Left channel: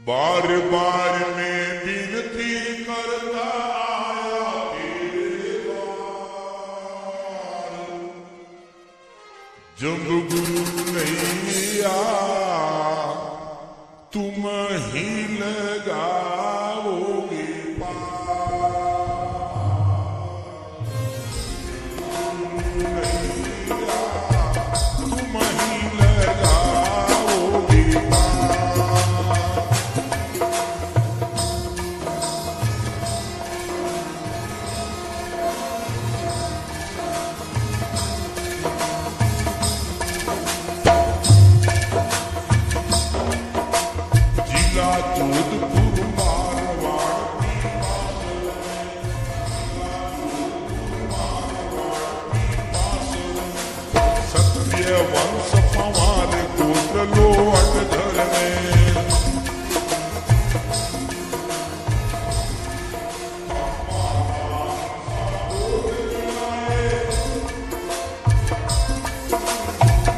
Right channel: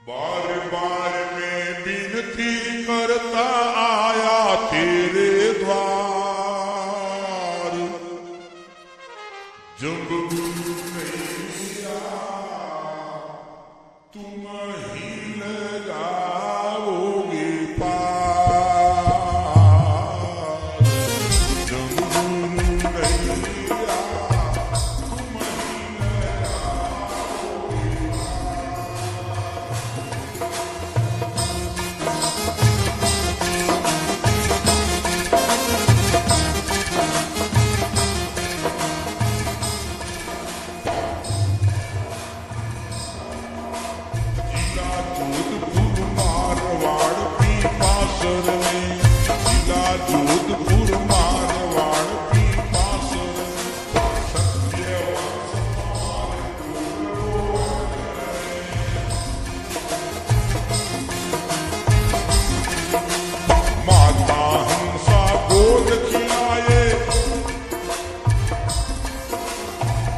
बार बार मैं विनती करता आया तेरे द्वार, जब गुरु नहीं आया तुम ही लगाओगे पार। जब गुरु नहीं आया तुम ही लगाओगे पार। जोधपुर मारवाड़ पीपासर में, जिला जोधपुर मारवाड़ पीपासर में, सत्य वंश पवार गोत्र लोहटधर में। माता हंसा गोद खिलाए,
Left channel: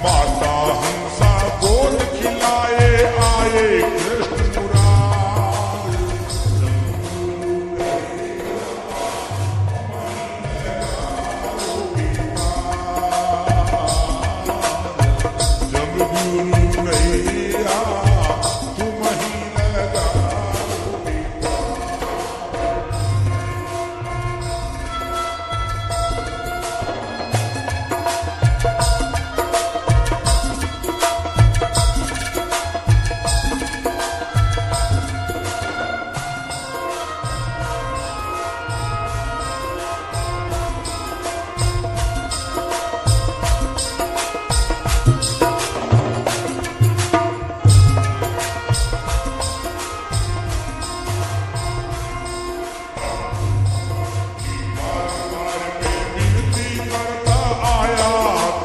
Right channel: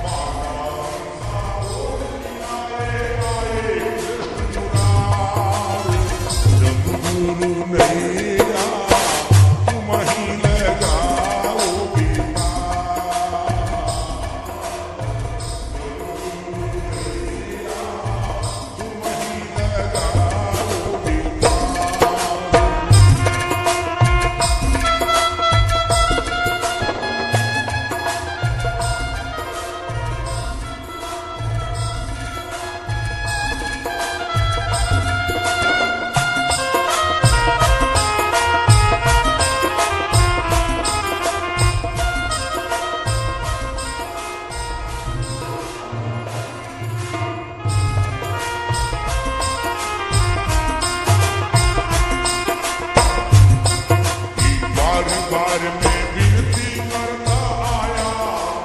माता हंसा गोद खिलाए आए कृष्ण मुरार। जब गुरु नहीं आया तुम ही लगाओगे पार। जब गुरु नहीं आया तुम ही लगाओगे पार। बार बार मैं विनती करता आया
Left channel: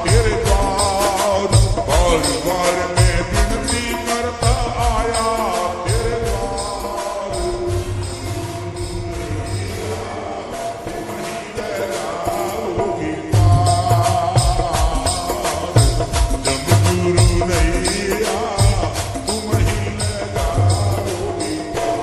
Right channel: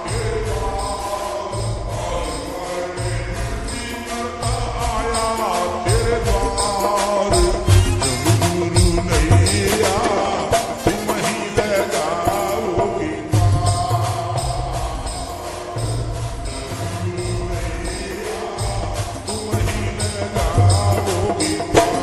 तेरे द्वार, बार बार मैं विनती करता आया तेरे द्वार। जब गुरु नहीं आया तुम ही लगाओगे पार। जब गुरु नहीं आया तुम ही लगाओगे पार।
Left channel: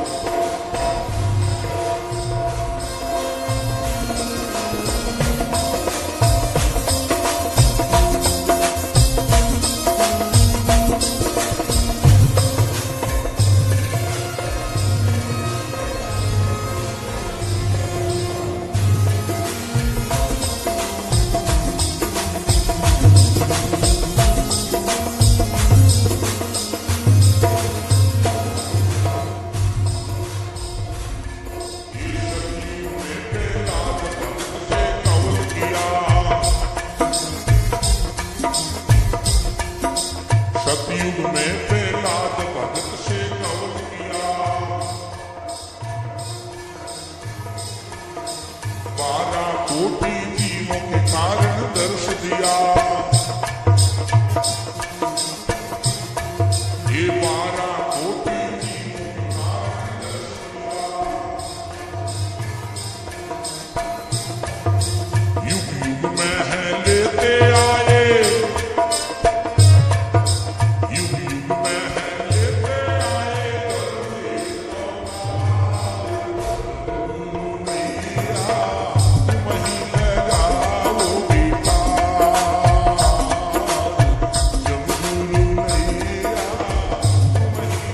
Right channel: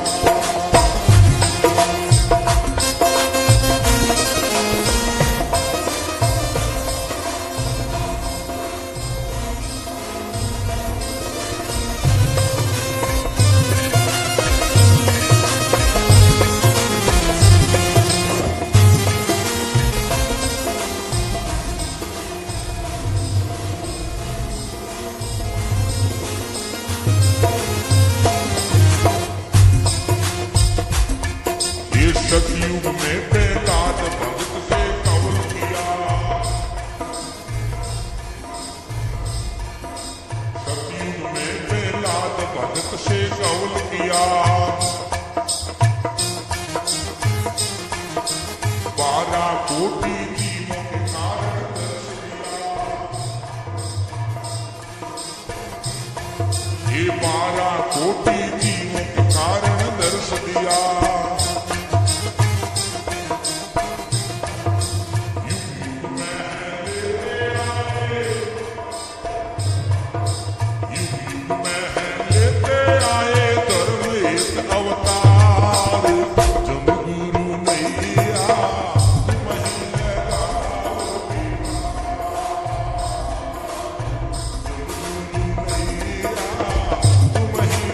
ये सतयुग में प्रहलाद भगत से कवल किया, सतयुग में प्रहलाद भगत से कवल किया। 12 कोटि जीवों के कारण दर्श दिया। ये 12 कोटि जीवों के कारण दर्श दिया। युग युग में है लेते आए, युग युग में है लेते आए धर्म एक अवतार। जब गुरु नहीं आया तुम ही लगाओगे पार। जब गुरु नहीं आया तुम ही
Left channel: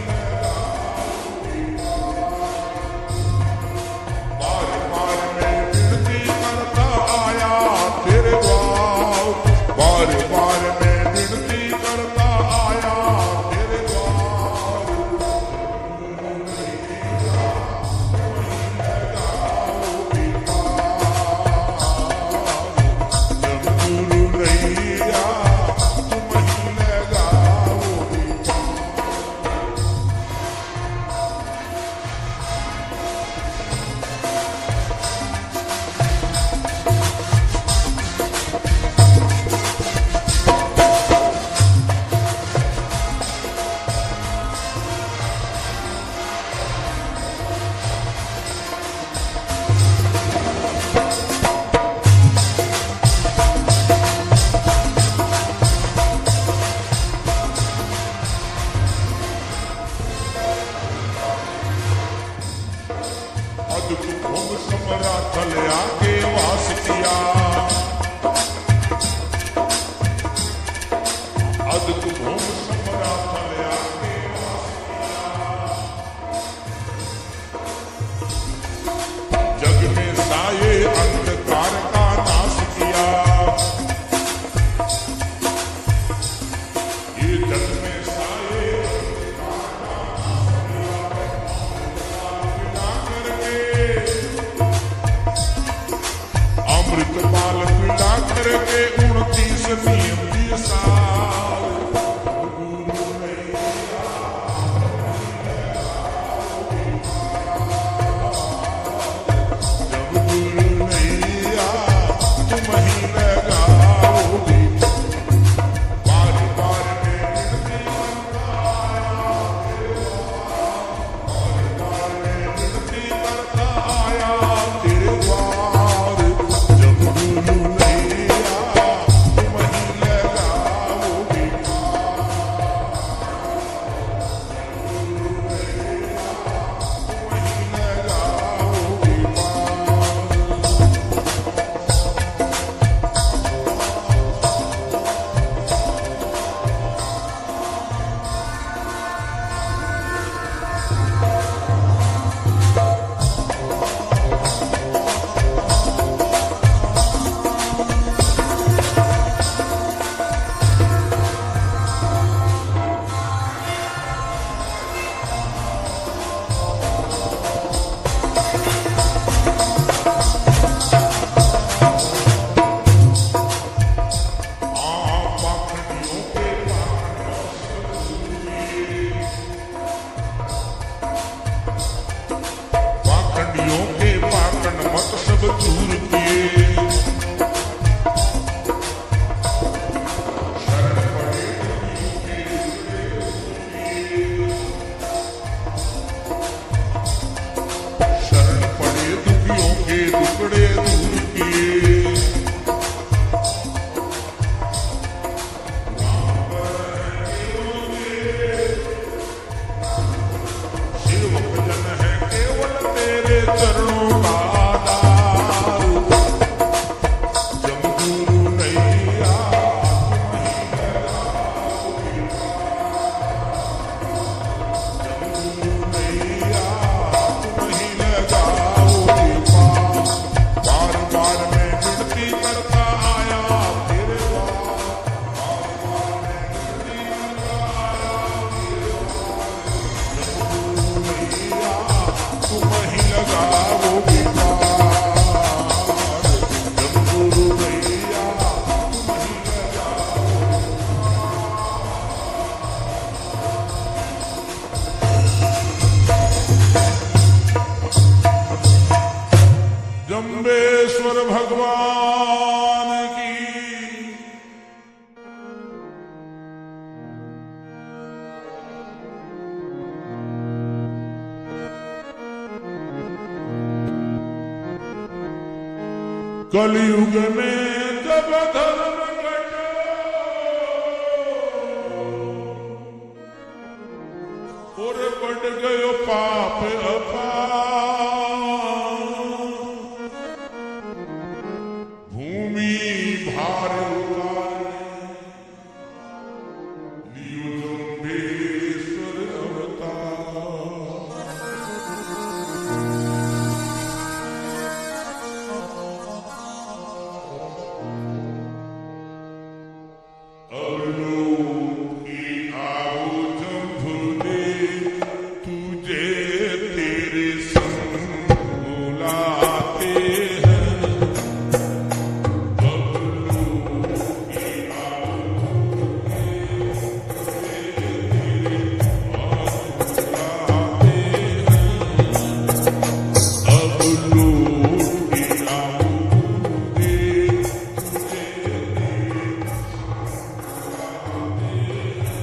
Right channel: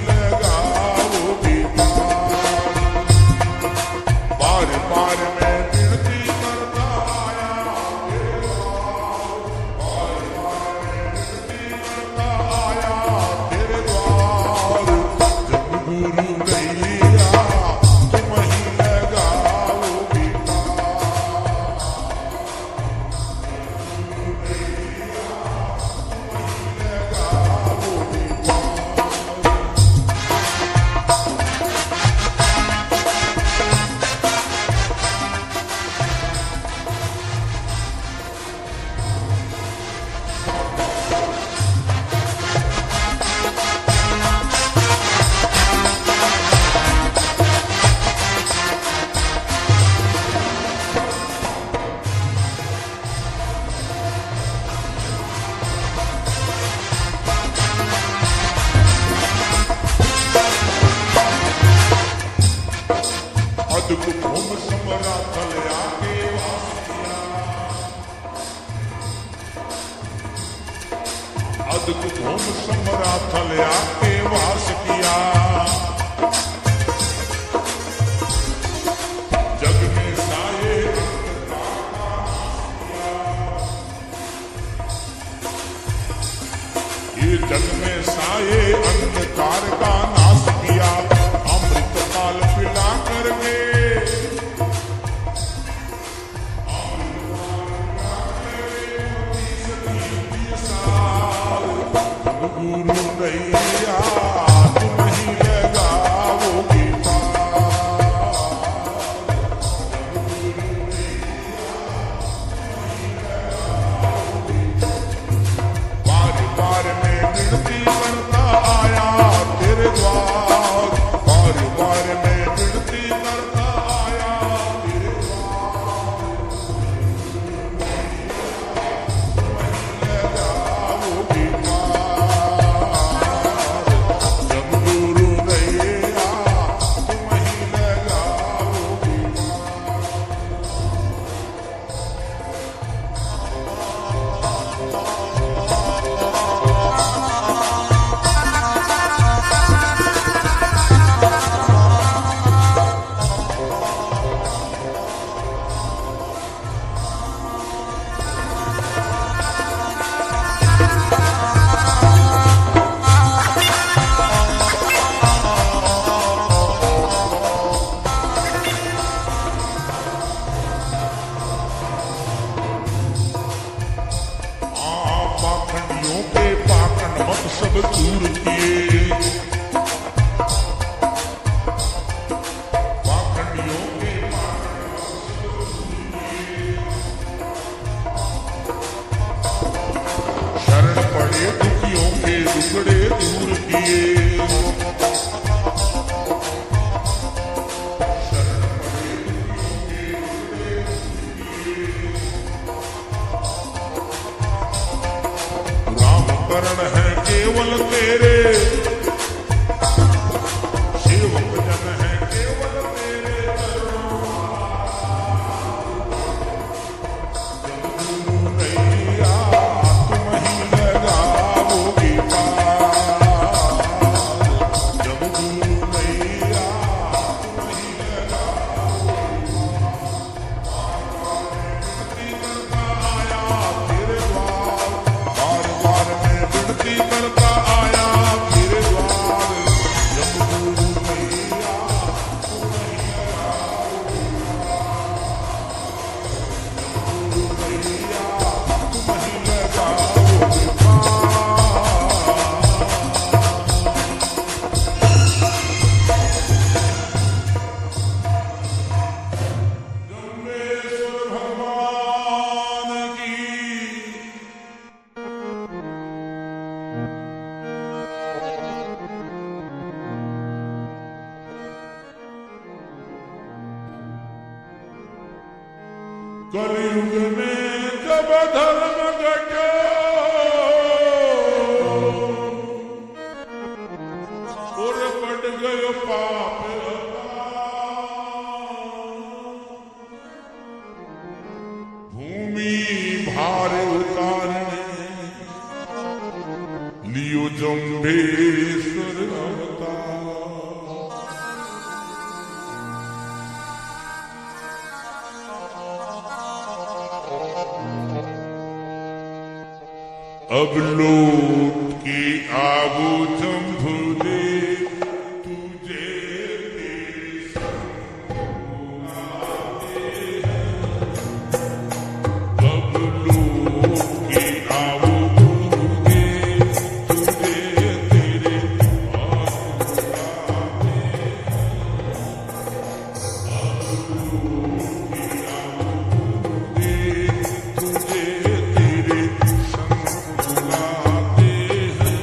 अदक भूम समरा थल आके वास किया, अदक भूम समरा थल आके वास किया। जग में साये अंधकार का नाश किया, ये जग में साये अंधकार का नाश किया। अमृत पाल पिला करके, अमृत पाल पिला करके 29 नियम दिए साल। जब गुरु नैया तुम ही लगाओगे पार, जब गुरु नैया तुम ही लगाओगे। बार बार मैं विनती करता आया तेरे द्वार, बार बार मैं विनती करता आया तेरे द्वार। जब गुरु नैया तुम ही लगाओगे पार, जब गुरु नैया तुम ही लगाओगे पाखंडियों के पाखंड मत सब दूर किए, पाखंडियों के पाखंड मत सब दूर किए। शरण पड़े दुखियों के दुखड़े दूर किए, शरण पड़े दुखियों के दुखड़े दूर किए। करण है केवल तेरे, सेवक जन है केवल तेरे चरणों का आधार। जब गुरु नैया तुम ही लगाओगे पार, जब गुरु नैया तुम ही लगाओगे पार। बार बार मैं विनती करता आया तेरे द्वार, बार बार मैं विनती करता आया तेरे द्वार। जब गुरु नैया तुम ही लगाओगे पार, जब गुरु नैया तुम ही लगाओगे पार। जम्बेश्वर भगवान की कलयुग में जब धर्म घटो, और बढ़ गयो पाप अपार। भूमि भार उतारने लियो जम्बेश्वर अवतार। अब लौट के आवो जम्बूदेव, तुझे तेरे संग बुलाते हैं। अब लौट के आवो गुरुदेव, तुझे तेरे हाथ बुलाते हैं। अब लौट के आवो गुरुदेव, तुझे तेरे संग बुलाते हैं।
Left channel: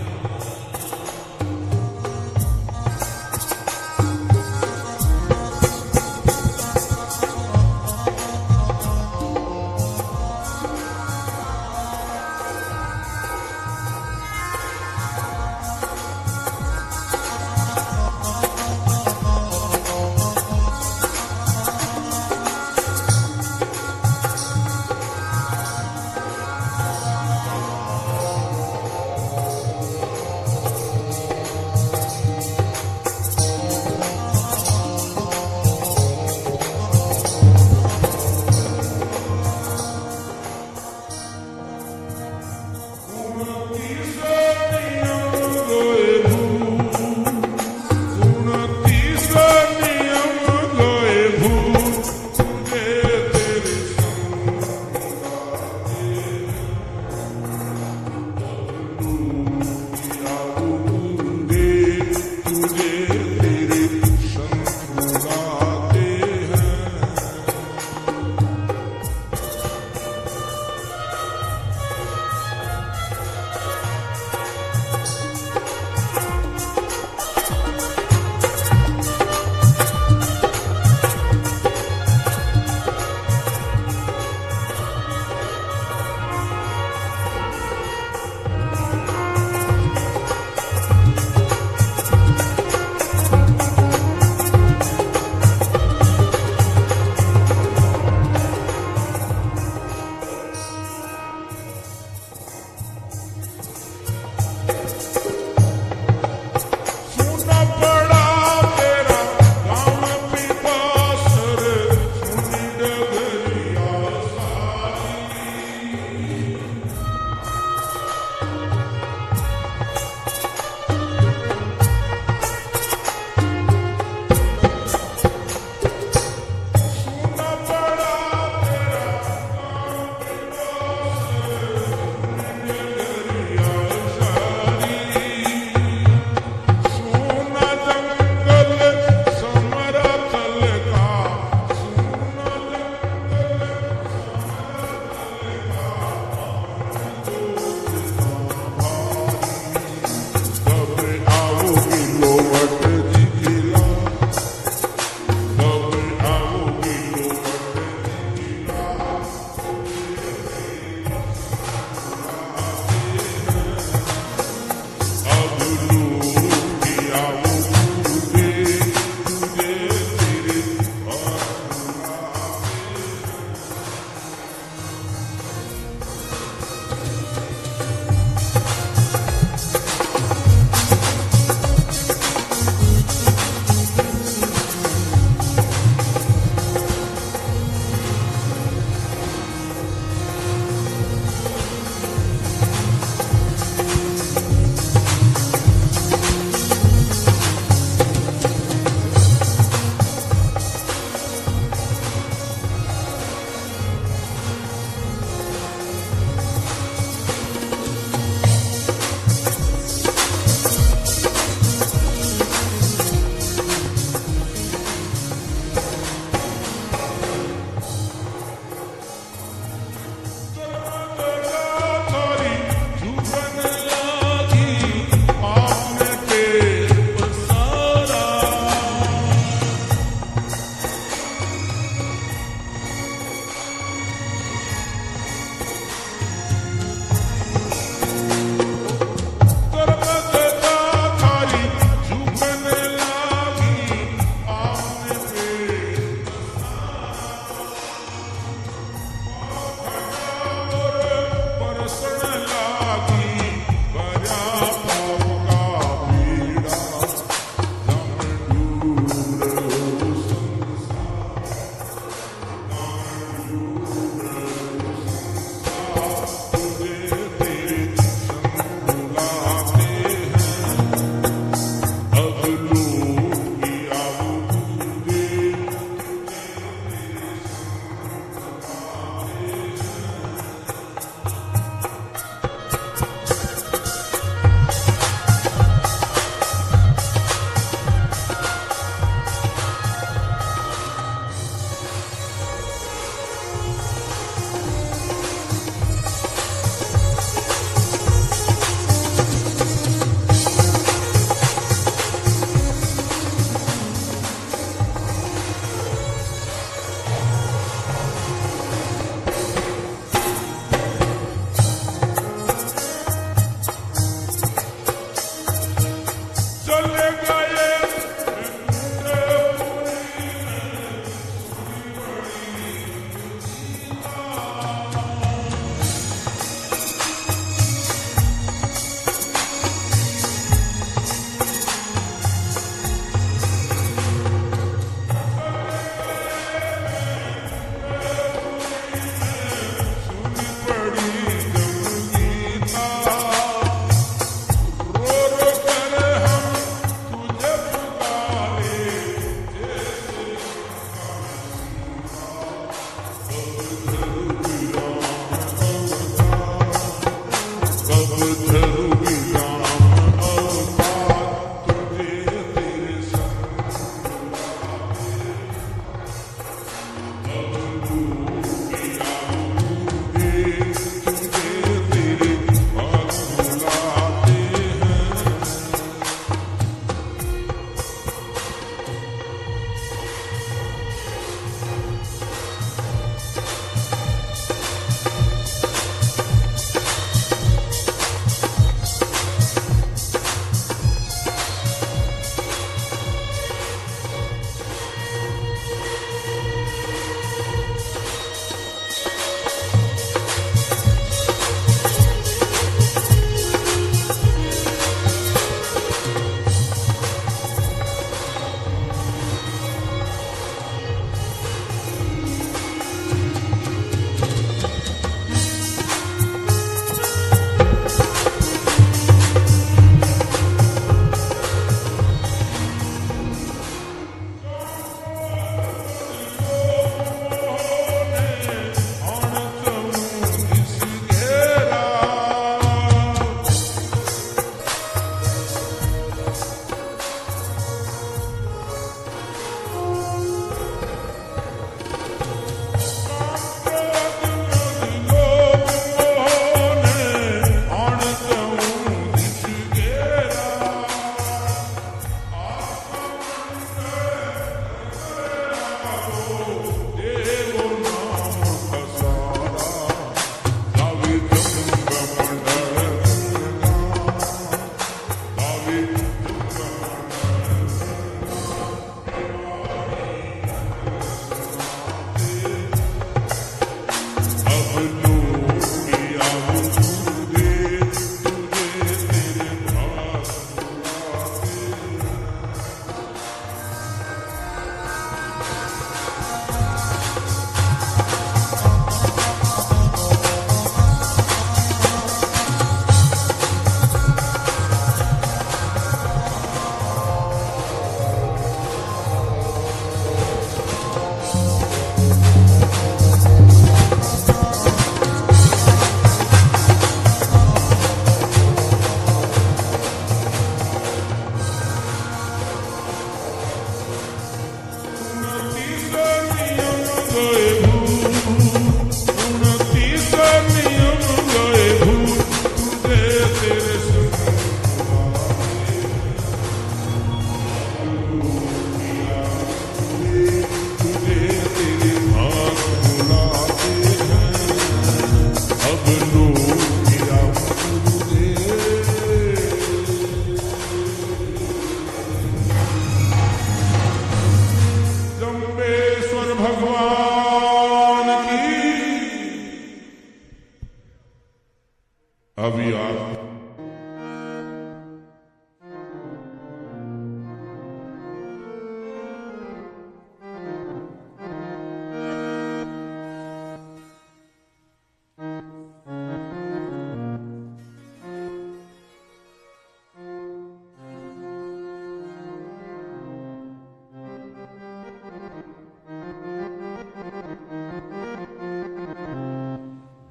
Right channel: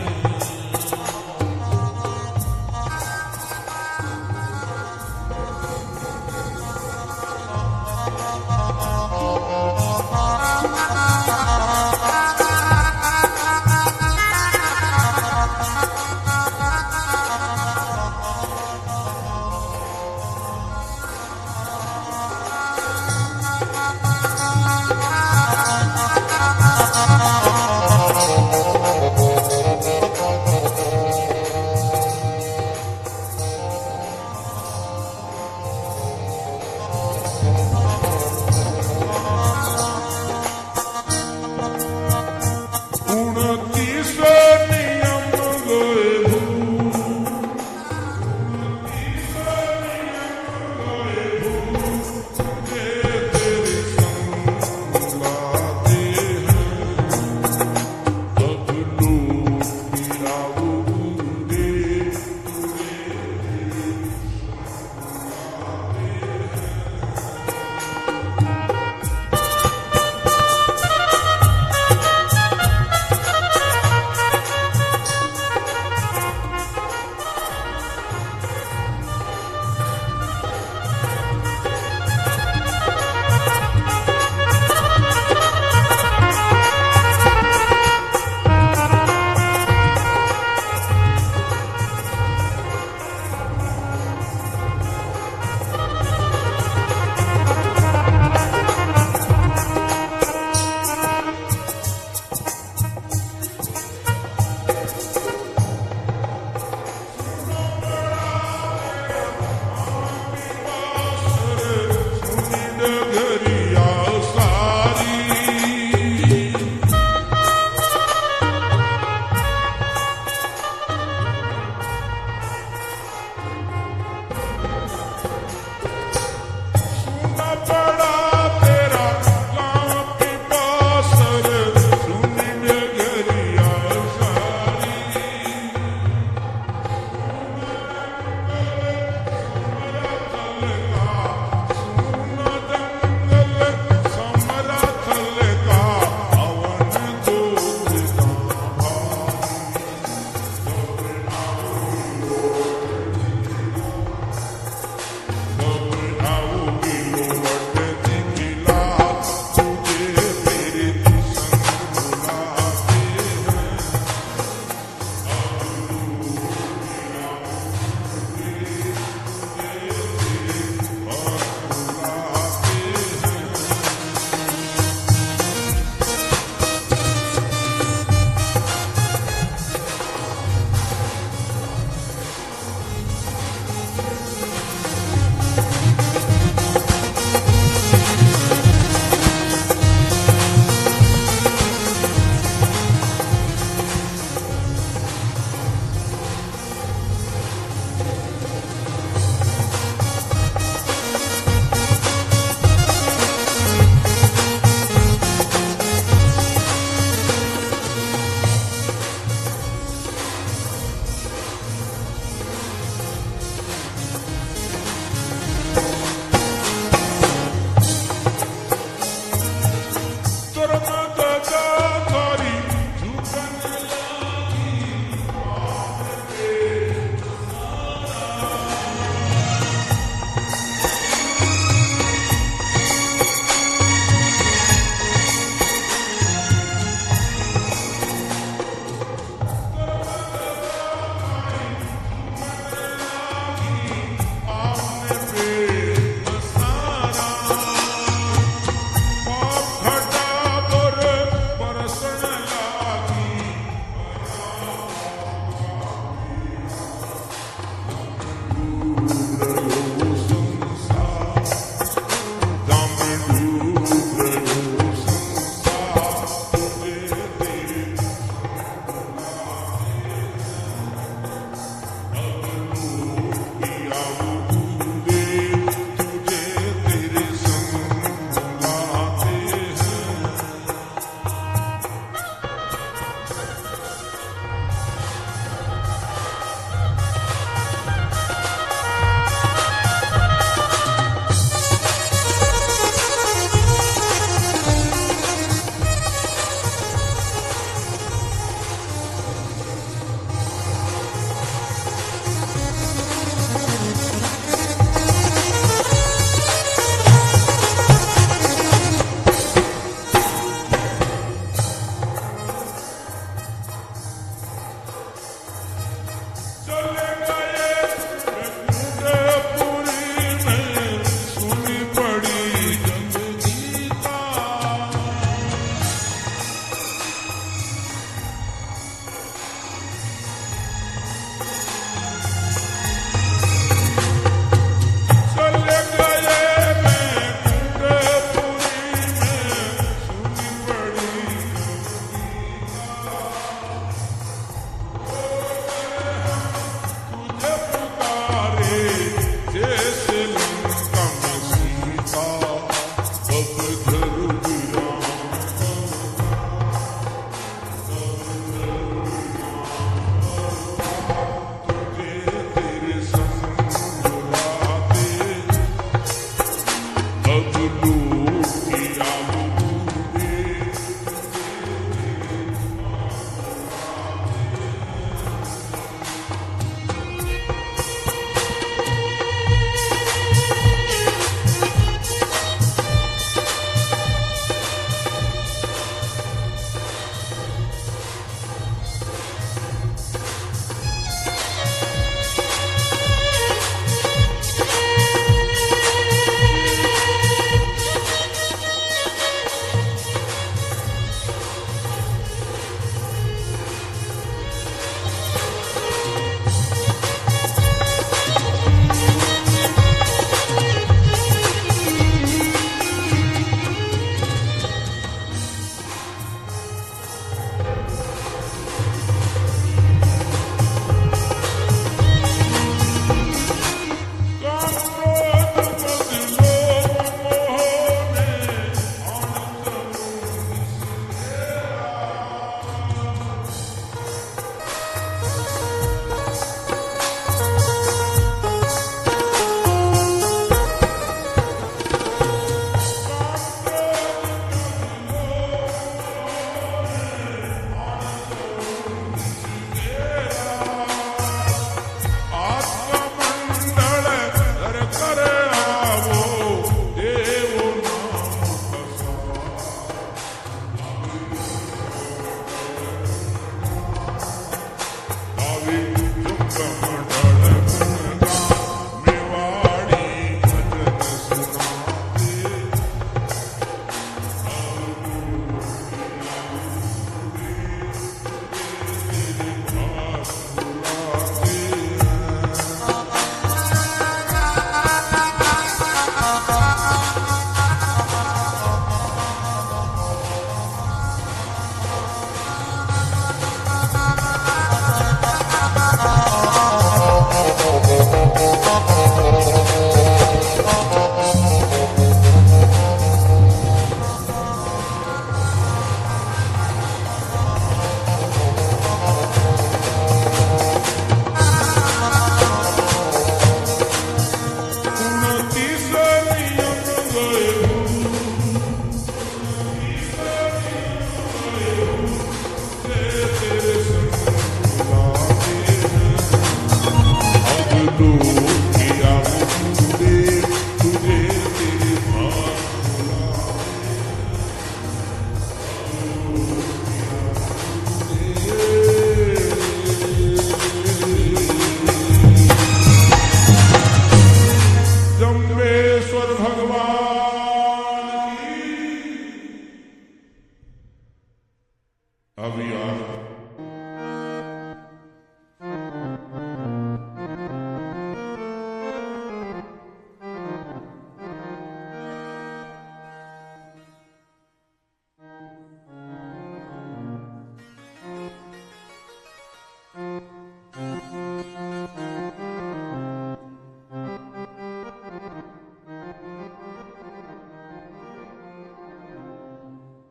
अभी आप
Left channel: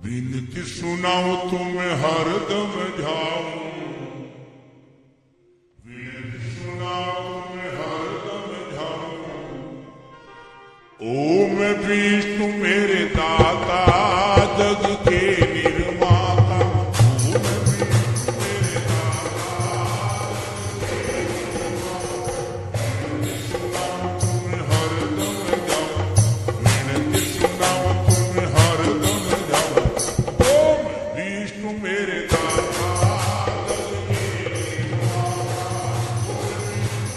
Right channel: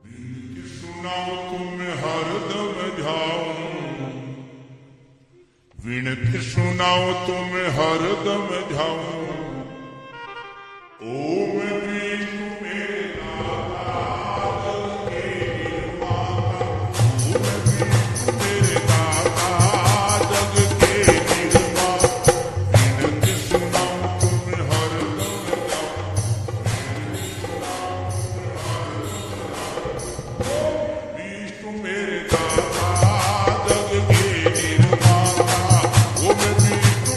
विनती सुनाओ तुम्हें हरदम जाऊं, विनती सुनाओ तुम्हें हरदम जाऊं। ओम विष्णु मेरे दाता जग के निर्माता, ओम विष्णु मेरे दाता जग के निर्माता। विनती सुनाओ तुम्हें हरदम जाऊं, विनती सुनाओ तुम्हें हरदम जाऊं। ओम विष्णु मेरे दाता जग के निर्माता, ओम विष्णु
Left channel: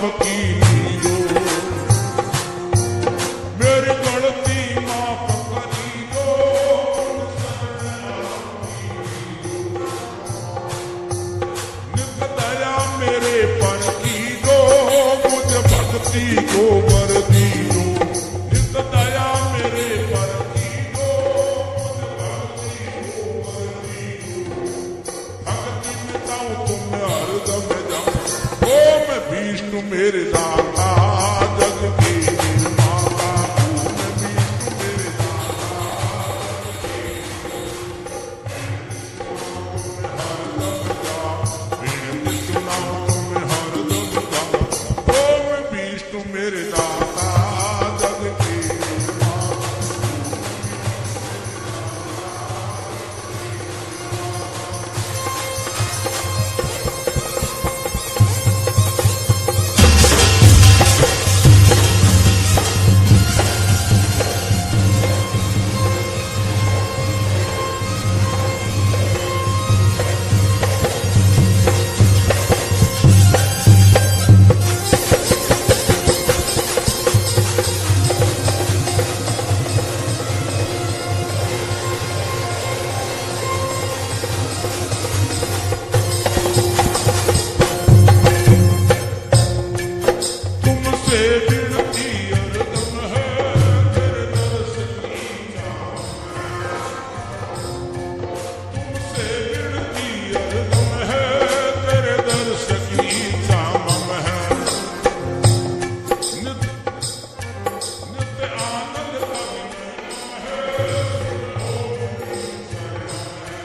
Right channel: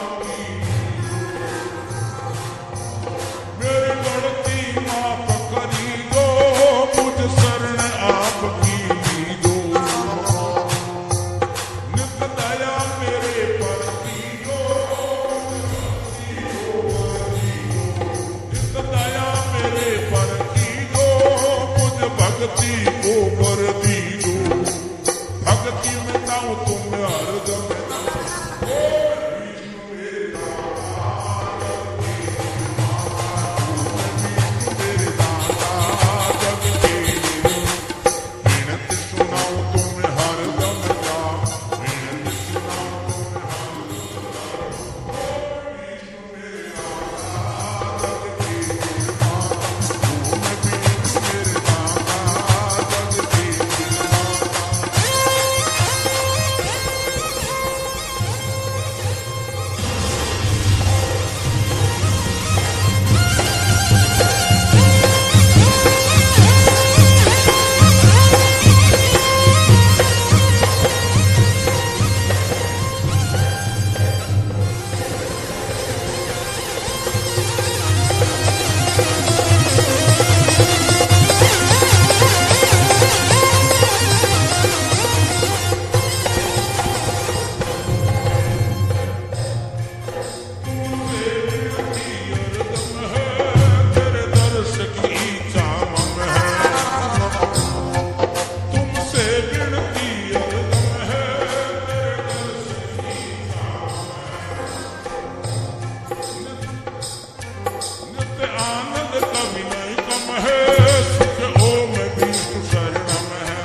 आपकी लीलो, मेरी गलती माफ करी दो, मुझ शरण आपकी लीलो, नित दया मेरे पर की दो, मुझ भक्ति को वर दी दो, नित दया मेरे पर की दो, मुझ भक्ति को वर दी दो, भक्ति में जाऊं तुम हरदम जाऊं, ओ मैं विष्णु मेरे दाता जग के निर्माता, ओ मैं विष्णु मेरे दाता जग के विनती सुनाऊं तुम हरदम जाओ, विनती सुनाऊं तुम हरदम जाओ, ओ मैं विष्णु मेरे दाता जग के निर्माता, ओ मैं विष्णु मेरे दाता जग के तुमसे विनती हरदम है, तेरे दर्श की इच्छा मम है, तुमसे विनती हरदम है, तेरे दर्श की इच्छा मम है, नित्य आनंद कभी नहीं कम है, सुख ओम विष्णु शरणम है,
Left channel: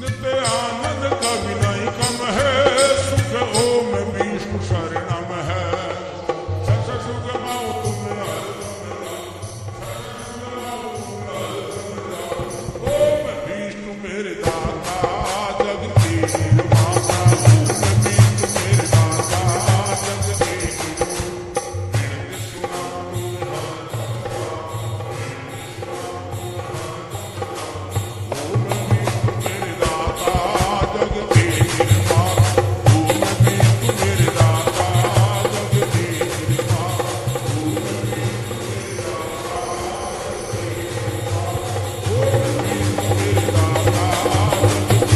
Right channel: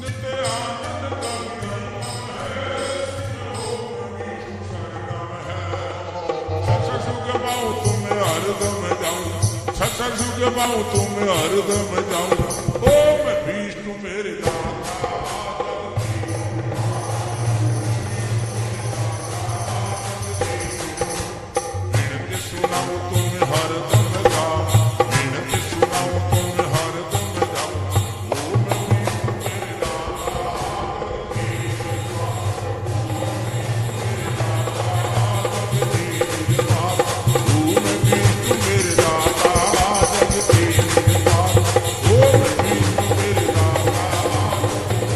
नित्य आनंद कभी नहीं कम है, सुख ओम विष्णु शरणम है, सच सुख पाऊं तुम हरदम जाऊं, सच सुख पाऊं तुम हरदम जाऊं, ओ मैं विष्णु मेरे दाता जग के निर्माता, ओ मैं विष्णु मेरे दाता जग के विनती सुनाऊं तुम हरदम जाओ, विनती सुनाऊं तुम हरदम जाओ, ओ मैं विष्णु मेरे दाता जग के निर्माता, ओ मैं विष्णु मेरे दाता जग के निर्माता, ओ मैं विष्णु मेरे दाता जग के निर्माता, ओ मैं विष्णु मेरे दाता जग के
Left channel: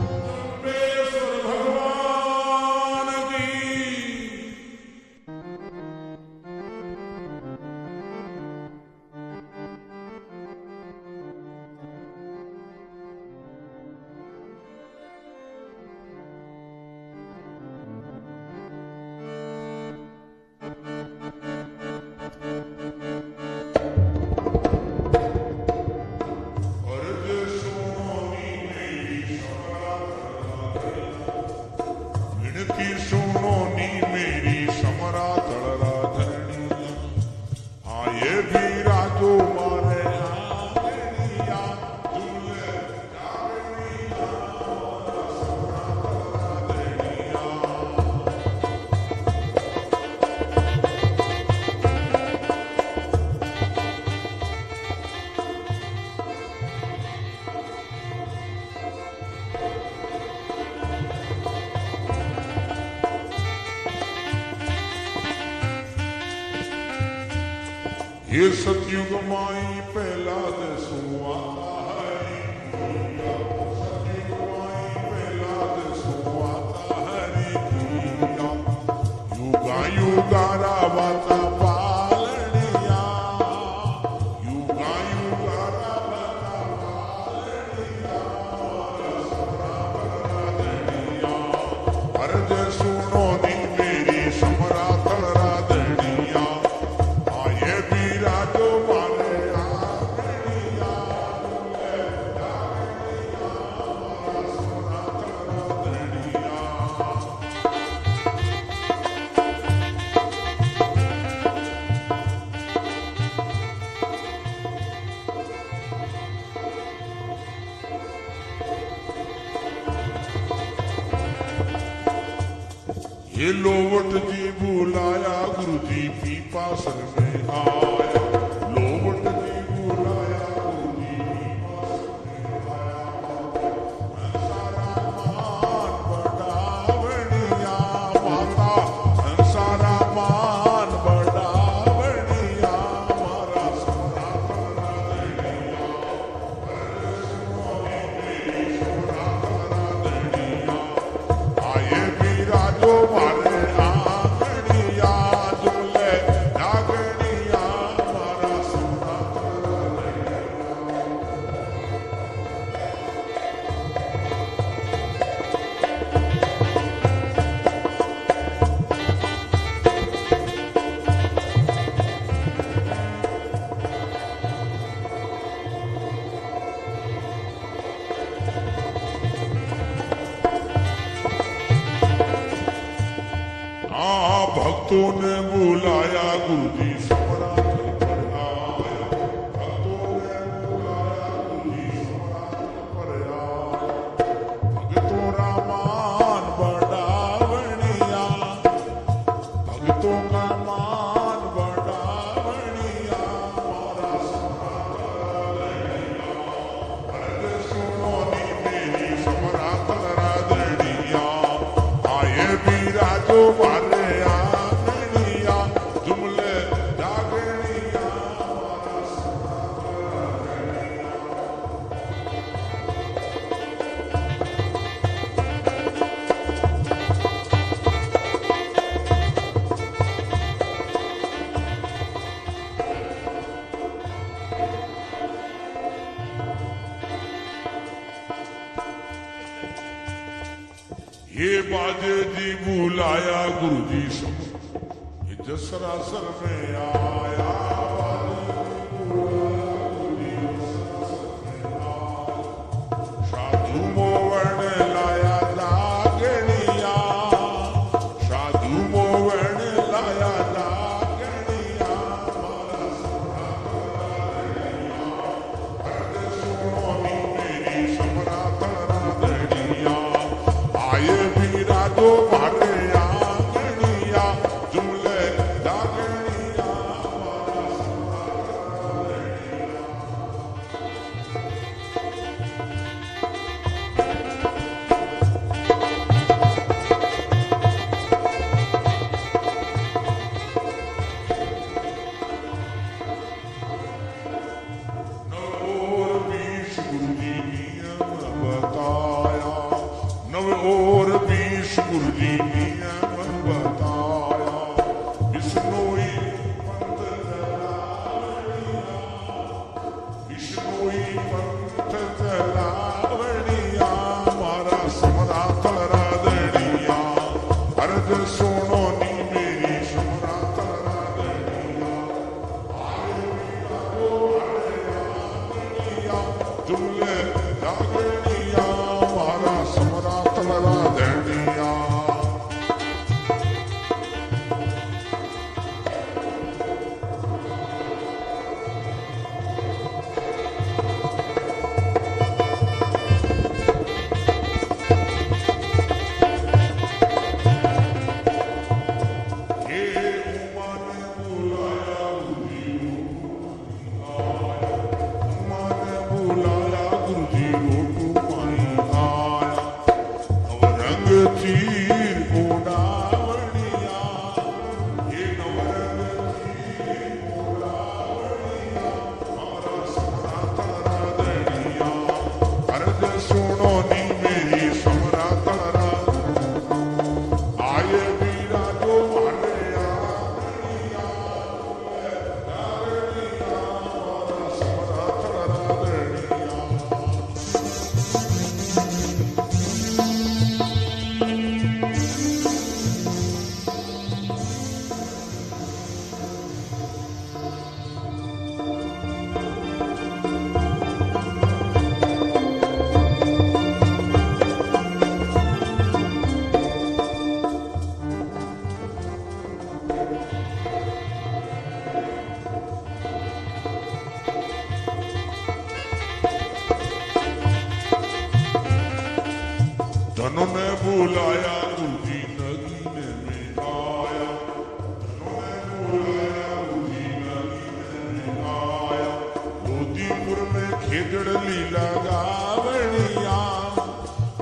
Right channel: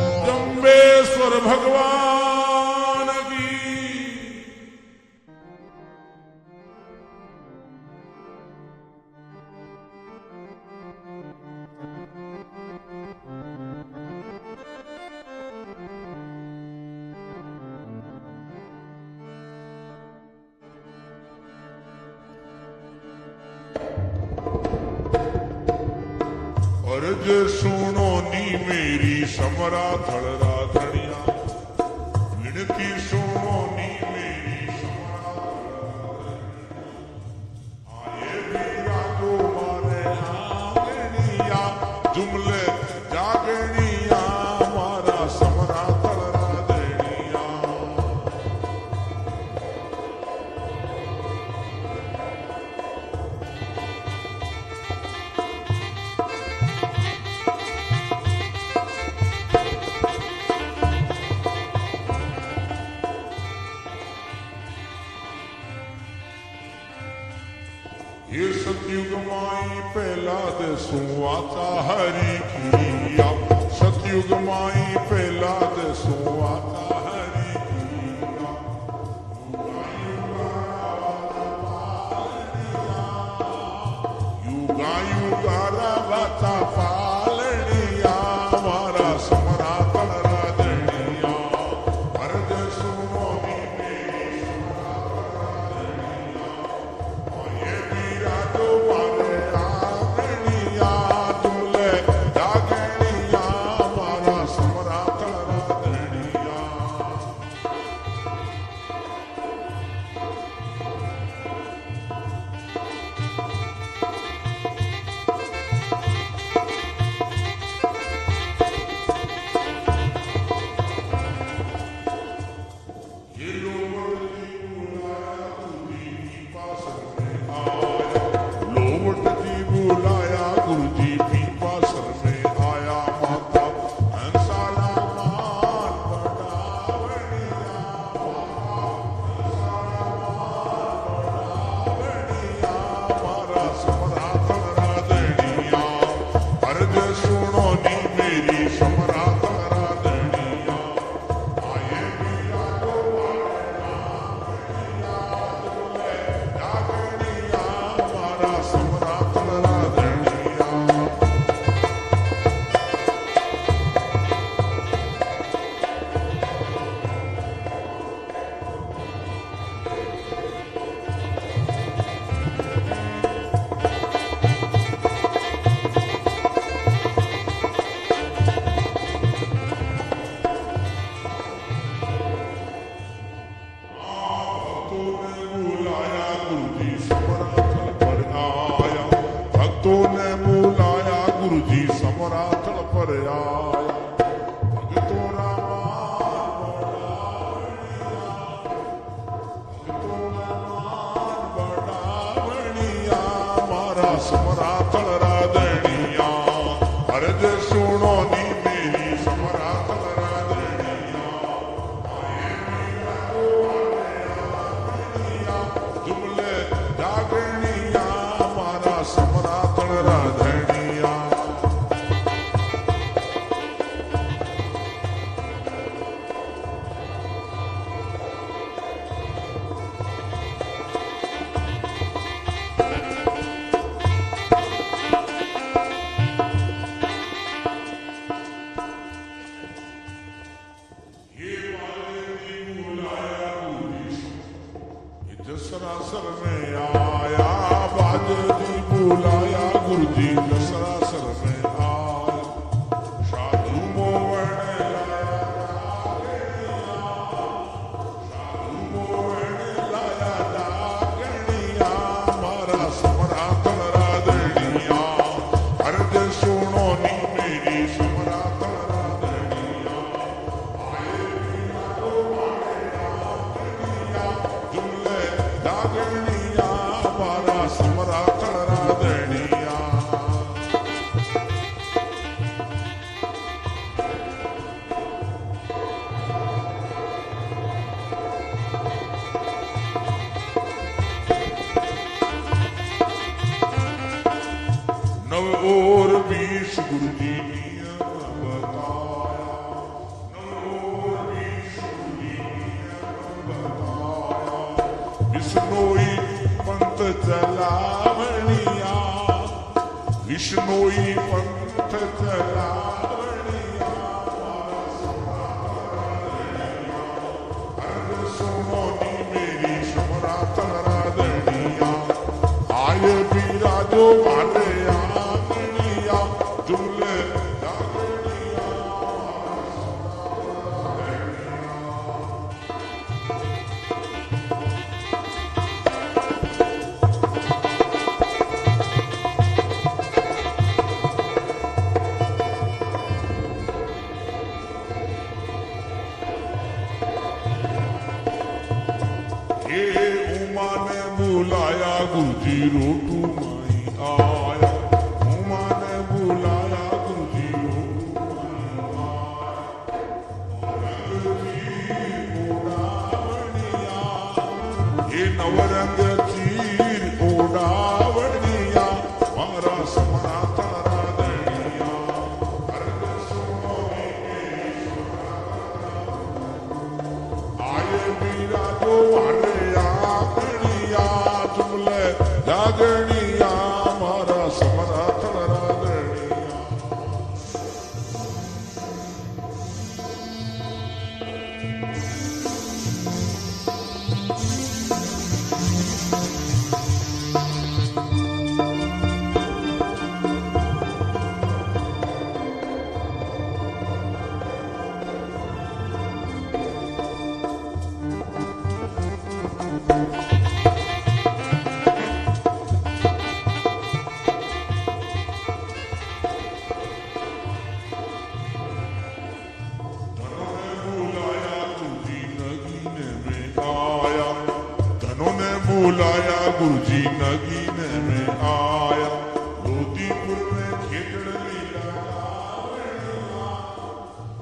जम्बेश्वर भगवान की। अर्ज सुनो नी मेरी समरा थलरा धनिया, विनती सुनो नी मेरी समरा थलरा धनिया, आए भी राजो मारे आंगणिया, जुमले जागणिया मारा समरा थलरा धनिया, ये सतयुग माई पहला दसू आता हरि किया, सतयुग माई पहला दसू आता हरि किया, युगा युगारा वाता पालनिया, युगा युगारा वाता पालनिया मारा समरा तलरा दनिया, अर्ज सुनो नी मेरी समरा तलरा दनिया, आए भी राजो मारे आंगणिया, जुमले जागणिया मारा समरा तलरा दनिया। ये लोवट जी बुलाया, गुरु जी पीपासन में आया, लोवट गुरु जी समराथल पर आया, भक्तों ने बुलाया गुरु जी समराथल पर आया। भक्तों रामान बढ़ावनिया, भक्तों का मान बढ़ावनिया, मारा समराथल राधनिया। अर्ज सुनो नी मेरी समराथल राधनिया, आए बीरा जो मारे आंगनिया, जुमले जागनिया, मारा समराथल राधनिया। ये बाजे जी बुलाया गुरु जी ये जसरासर में आया, बाजे जी बुलाया गुरु जी जसरासर में आया। साधु मोवण लाया जागनिया, साधु मोवण लाया जागनिया, मारा समराथल राधनिया। अर्ज सुनो नी मेरी समराथल राधनिया, आए बीरा जो मारे आंगनिया, जुमले जागनिया, मारा समराथल राधनिया। नव और 20 गुरु जी नियम बताया, नव और 20 गुरु जी नियम बताया। विष्णोई पंथ चलावनिया, विष्णोई पंथ चलावनिया, मारा समराथल राधनिया। अर्ज सुनो नी मेरी समराथल राधनिया, आए बीरा जो मारे आंगनिया, जुमले जागनिया, मारा समराथल राधनिया। हे उमा ने बुलाया गुरु जी रोटू माई आया, उमा ने बुलाया गुरु जी रोटू माई आया। नवरंग चीर उड़ावनिया, ये नवरंग चीर उड़ावनिया, मारा समराथल राधनिया। अर्ज सुनो नी मेरी समराथल राधनिया, आए बीरा जो मारे आंगनिया, जुमले जागनिया, मारा समराथल राधनिया। धनों ने बुलाया गुरु जी नगीने में आया, धनों ने बुलाया गुरु जी नगीने में आया। लोधीपुर में खेजड़ लीला गावनिया,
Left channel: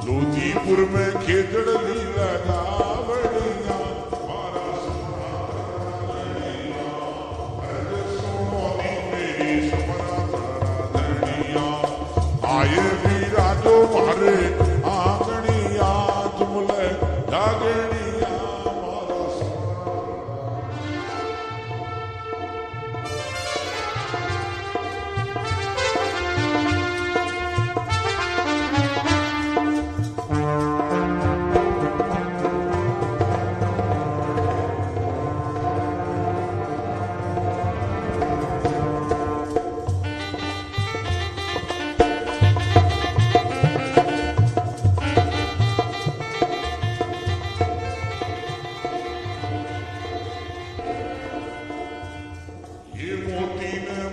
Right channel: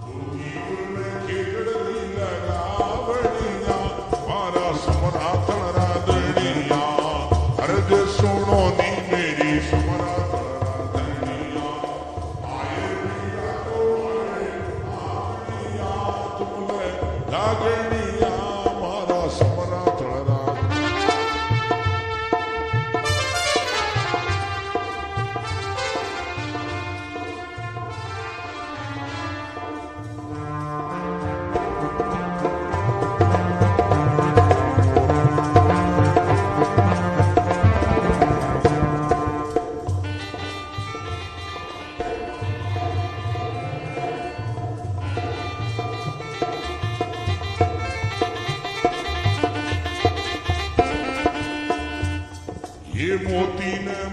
लोधीपुर में खेजड़ लीला गावनिया, मारा समराथल राधनिया। अर्ज सुनो नी मेरी समराथल राधनिया, आए बीरा जो मारे आंगनिया, जुमले जागनिया, मारा समराथल राधनिया।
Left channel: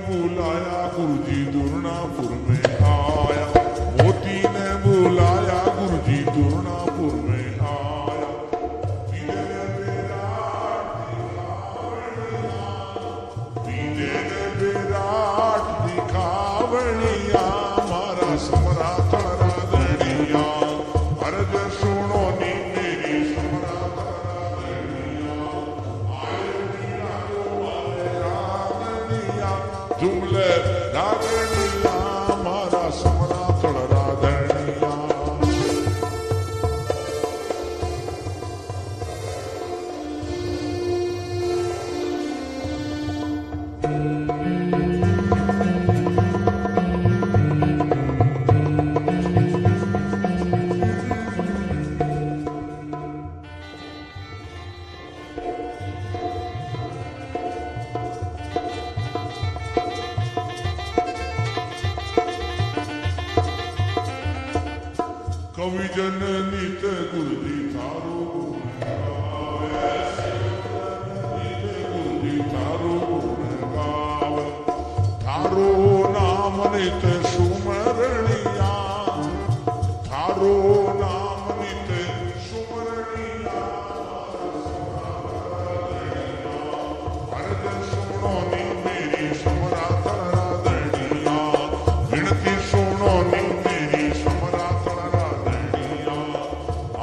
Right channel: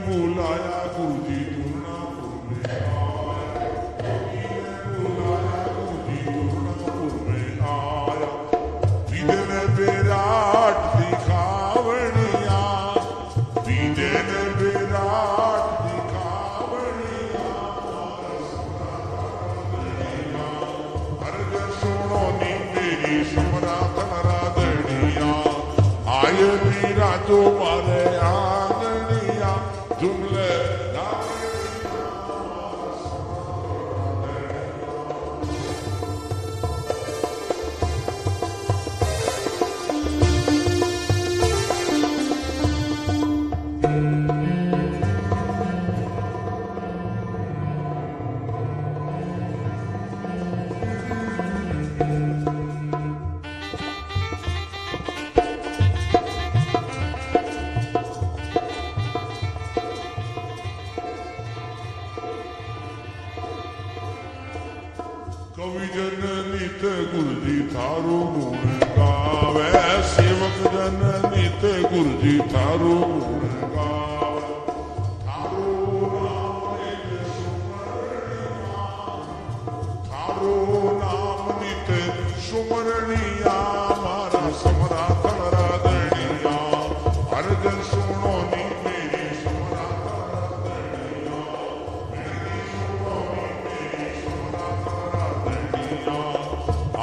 बुलाया गुरुजी दुर्नापुर में आया, मोती ने बुलाया गुरुजी दुर्नापुर में आया। बीजे ने विराट दिखावनिया, बीजे ने विराट दिखावनिया, मारा समरात राधनिया। अर्ज सुनो नी मेरी समरात राधनिया, आय वीरा जो मारे आंगनिया, जुमले रागनिया, मारा समरात राधनिया। कवि जन नित गुरुजी थारो गुण गावे, सेवक जन नित गुरुजी थारो गुण गावे। थारो नाम नित सुमरणिया, थारो नाम नित सुमरणिया, मारा समरात राधनिया। अर्जन सुनो नी मेरी समरात राधनिया, विनती सुनो नी मेरी समरात राधनिया।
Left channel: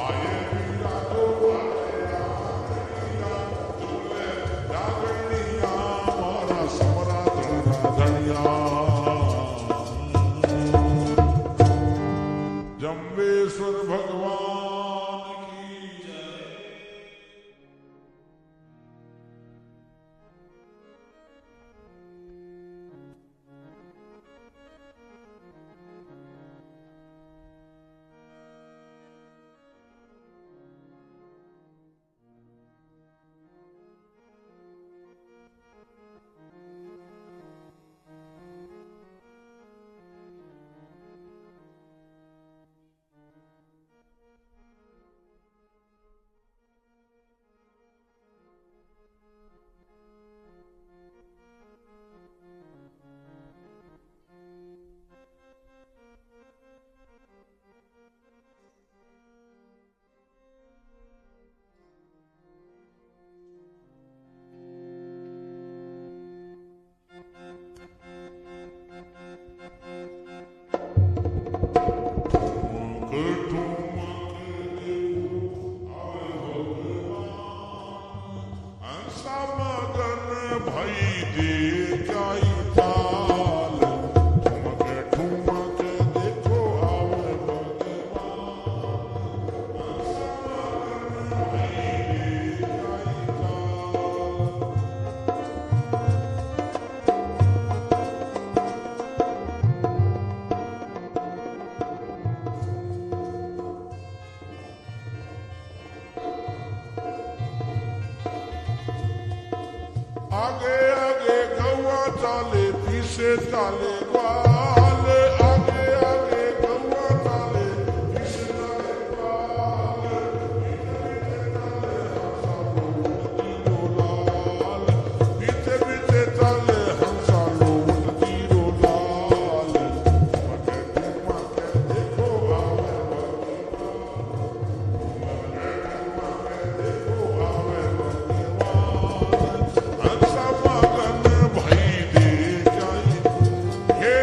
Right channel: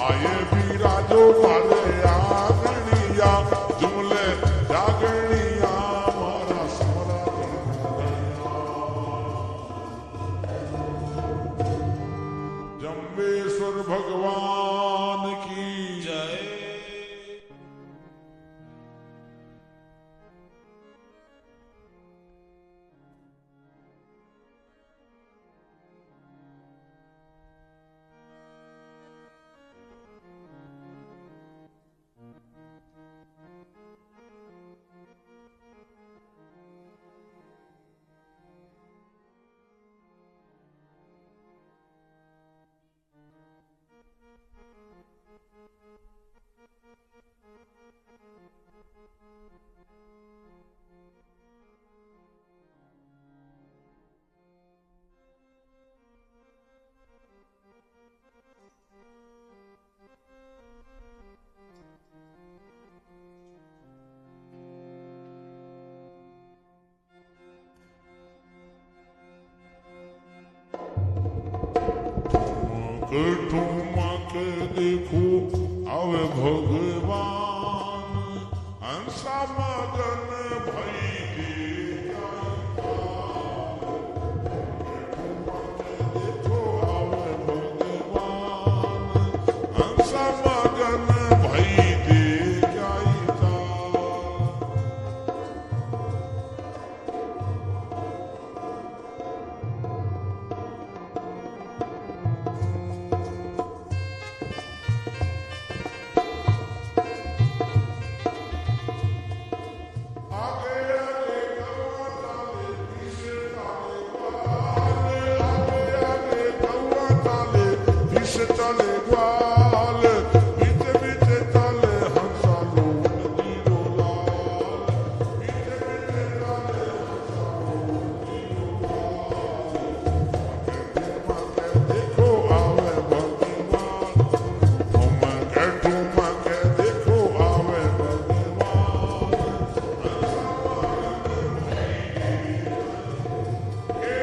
आये वीरा जो मारे आगनिया, जुमले जागनिया, मारा समरात राधनिया। जम्बेश्वर भगवान की जय। ठुमक देखो अब भगवान, हंसा मगन भई दे जाई ताल। ठुमक देखो अब भगवान, हंसा मगन भई दे जाई ताल। आगे आगे गौआ चाले, पीछे चाले ग्वाल, आगे आगे गौआ चाले, पीछे चाले ग्वाल। बीचे बीचे चाले हंसा लोट तीरो लाल, बीचे बीचे चाले हंसा लोट तीरो लाल। ठुमक देखो आवे भगवान, ठुमक देखो आवे भगवान, हंसा मगन भई दे जाई। हे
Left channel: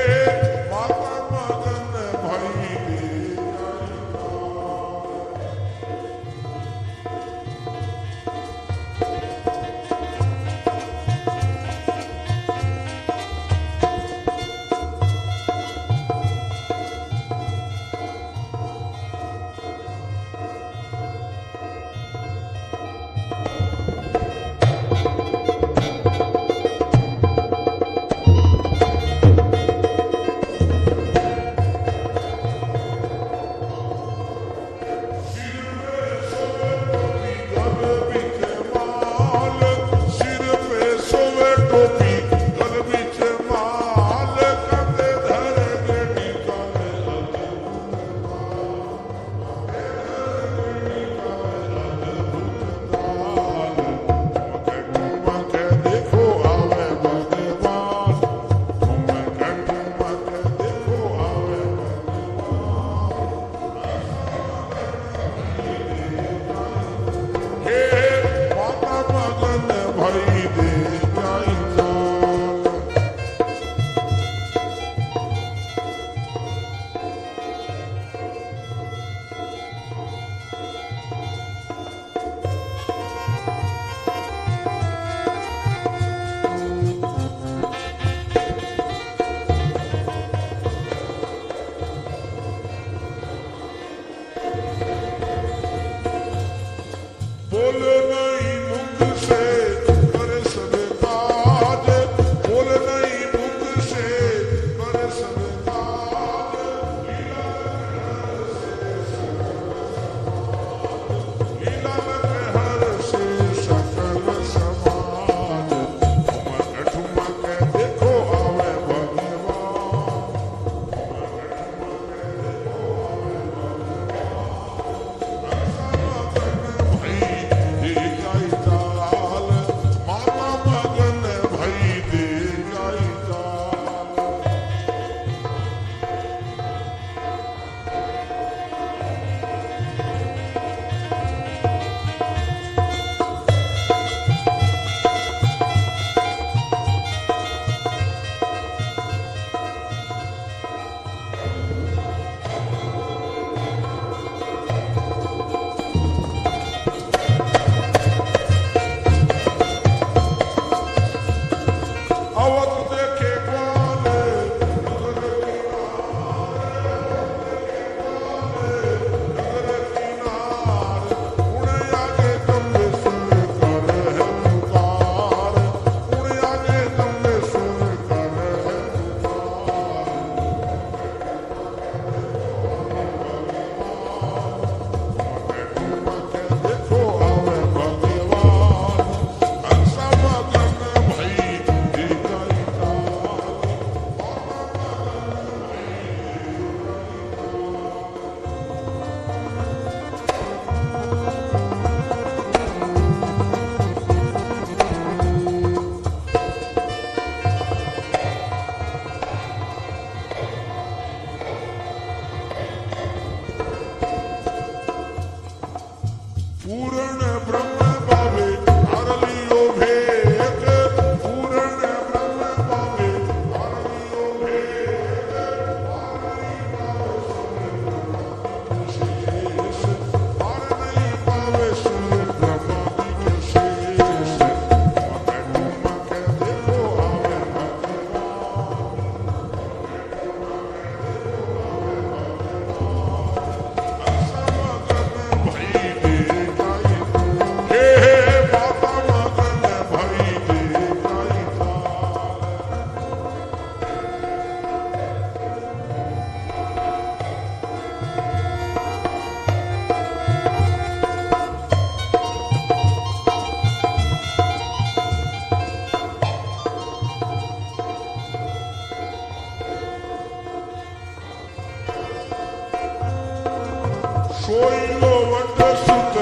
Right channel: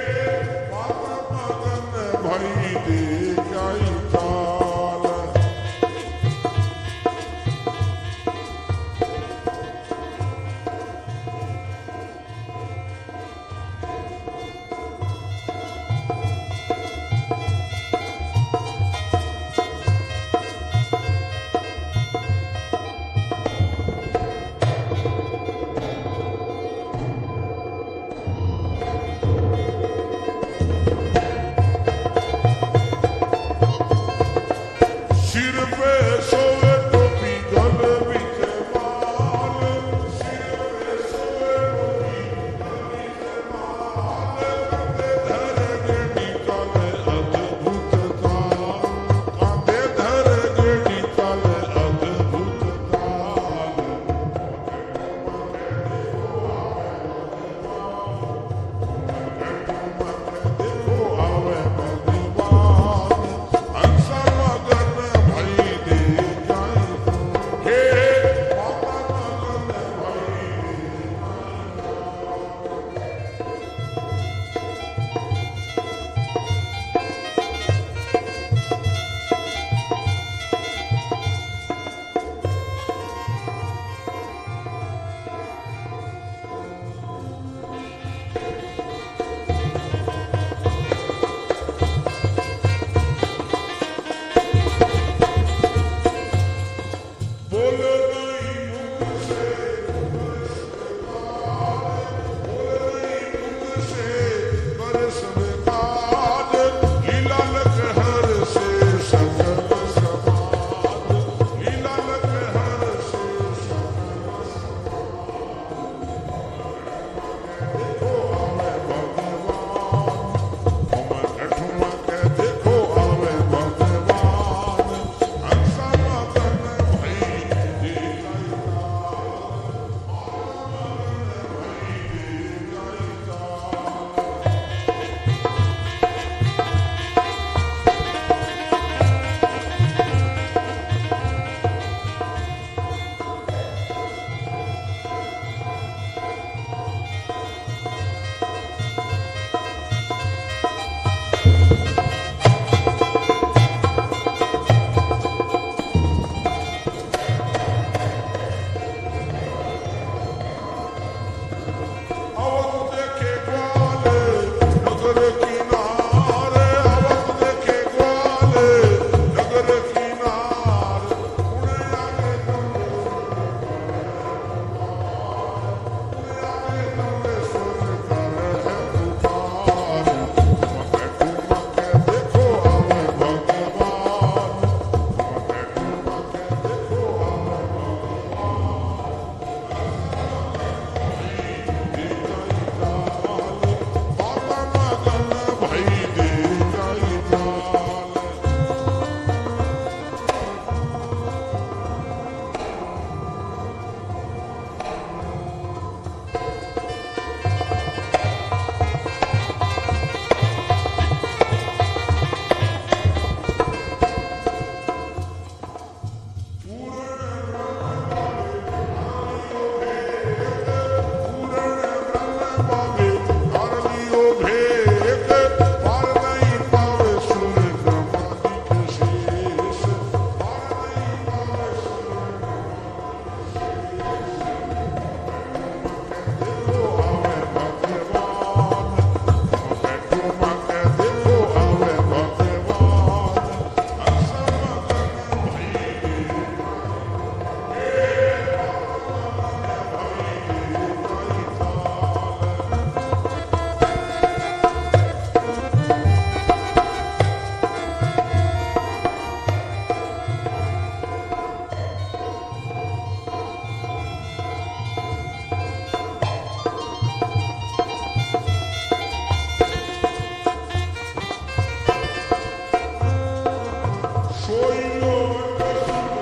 सोई लो वट सुत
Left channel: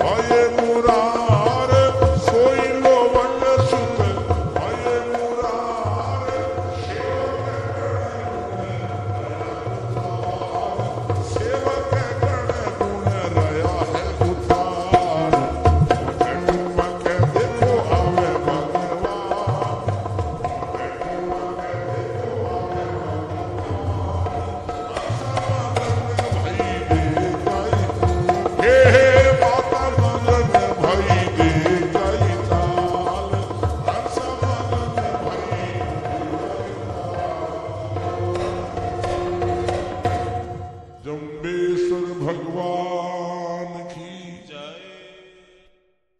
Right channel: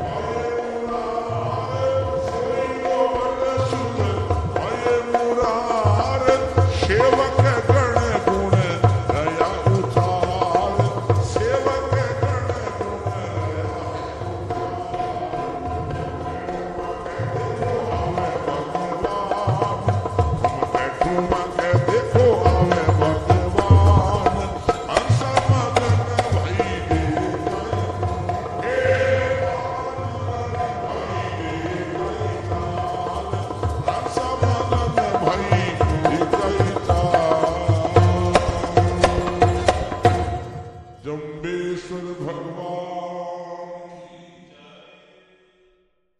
भये मुरार, सोई लो वट सुत भये मुरार, सेवक गण गुण रया उतार, सेवक गण गुण रया है उतार। ठुमा के देखो आवे भगवान, ठुमा के देखो आवे भगवान, हंस मगन भई देखई, हे माता मगन भई देखई ताल, हंस मगन भई देखई ताल। जम्बेश्वर भगवान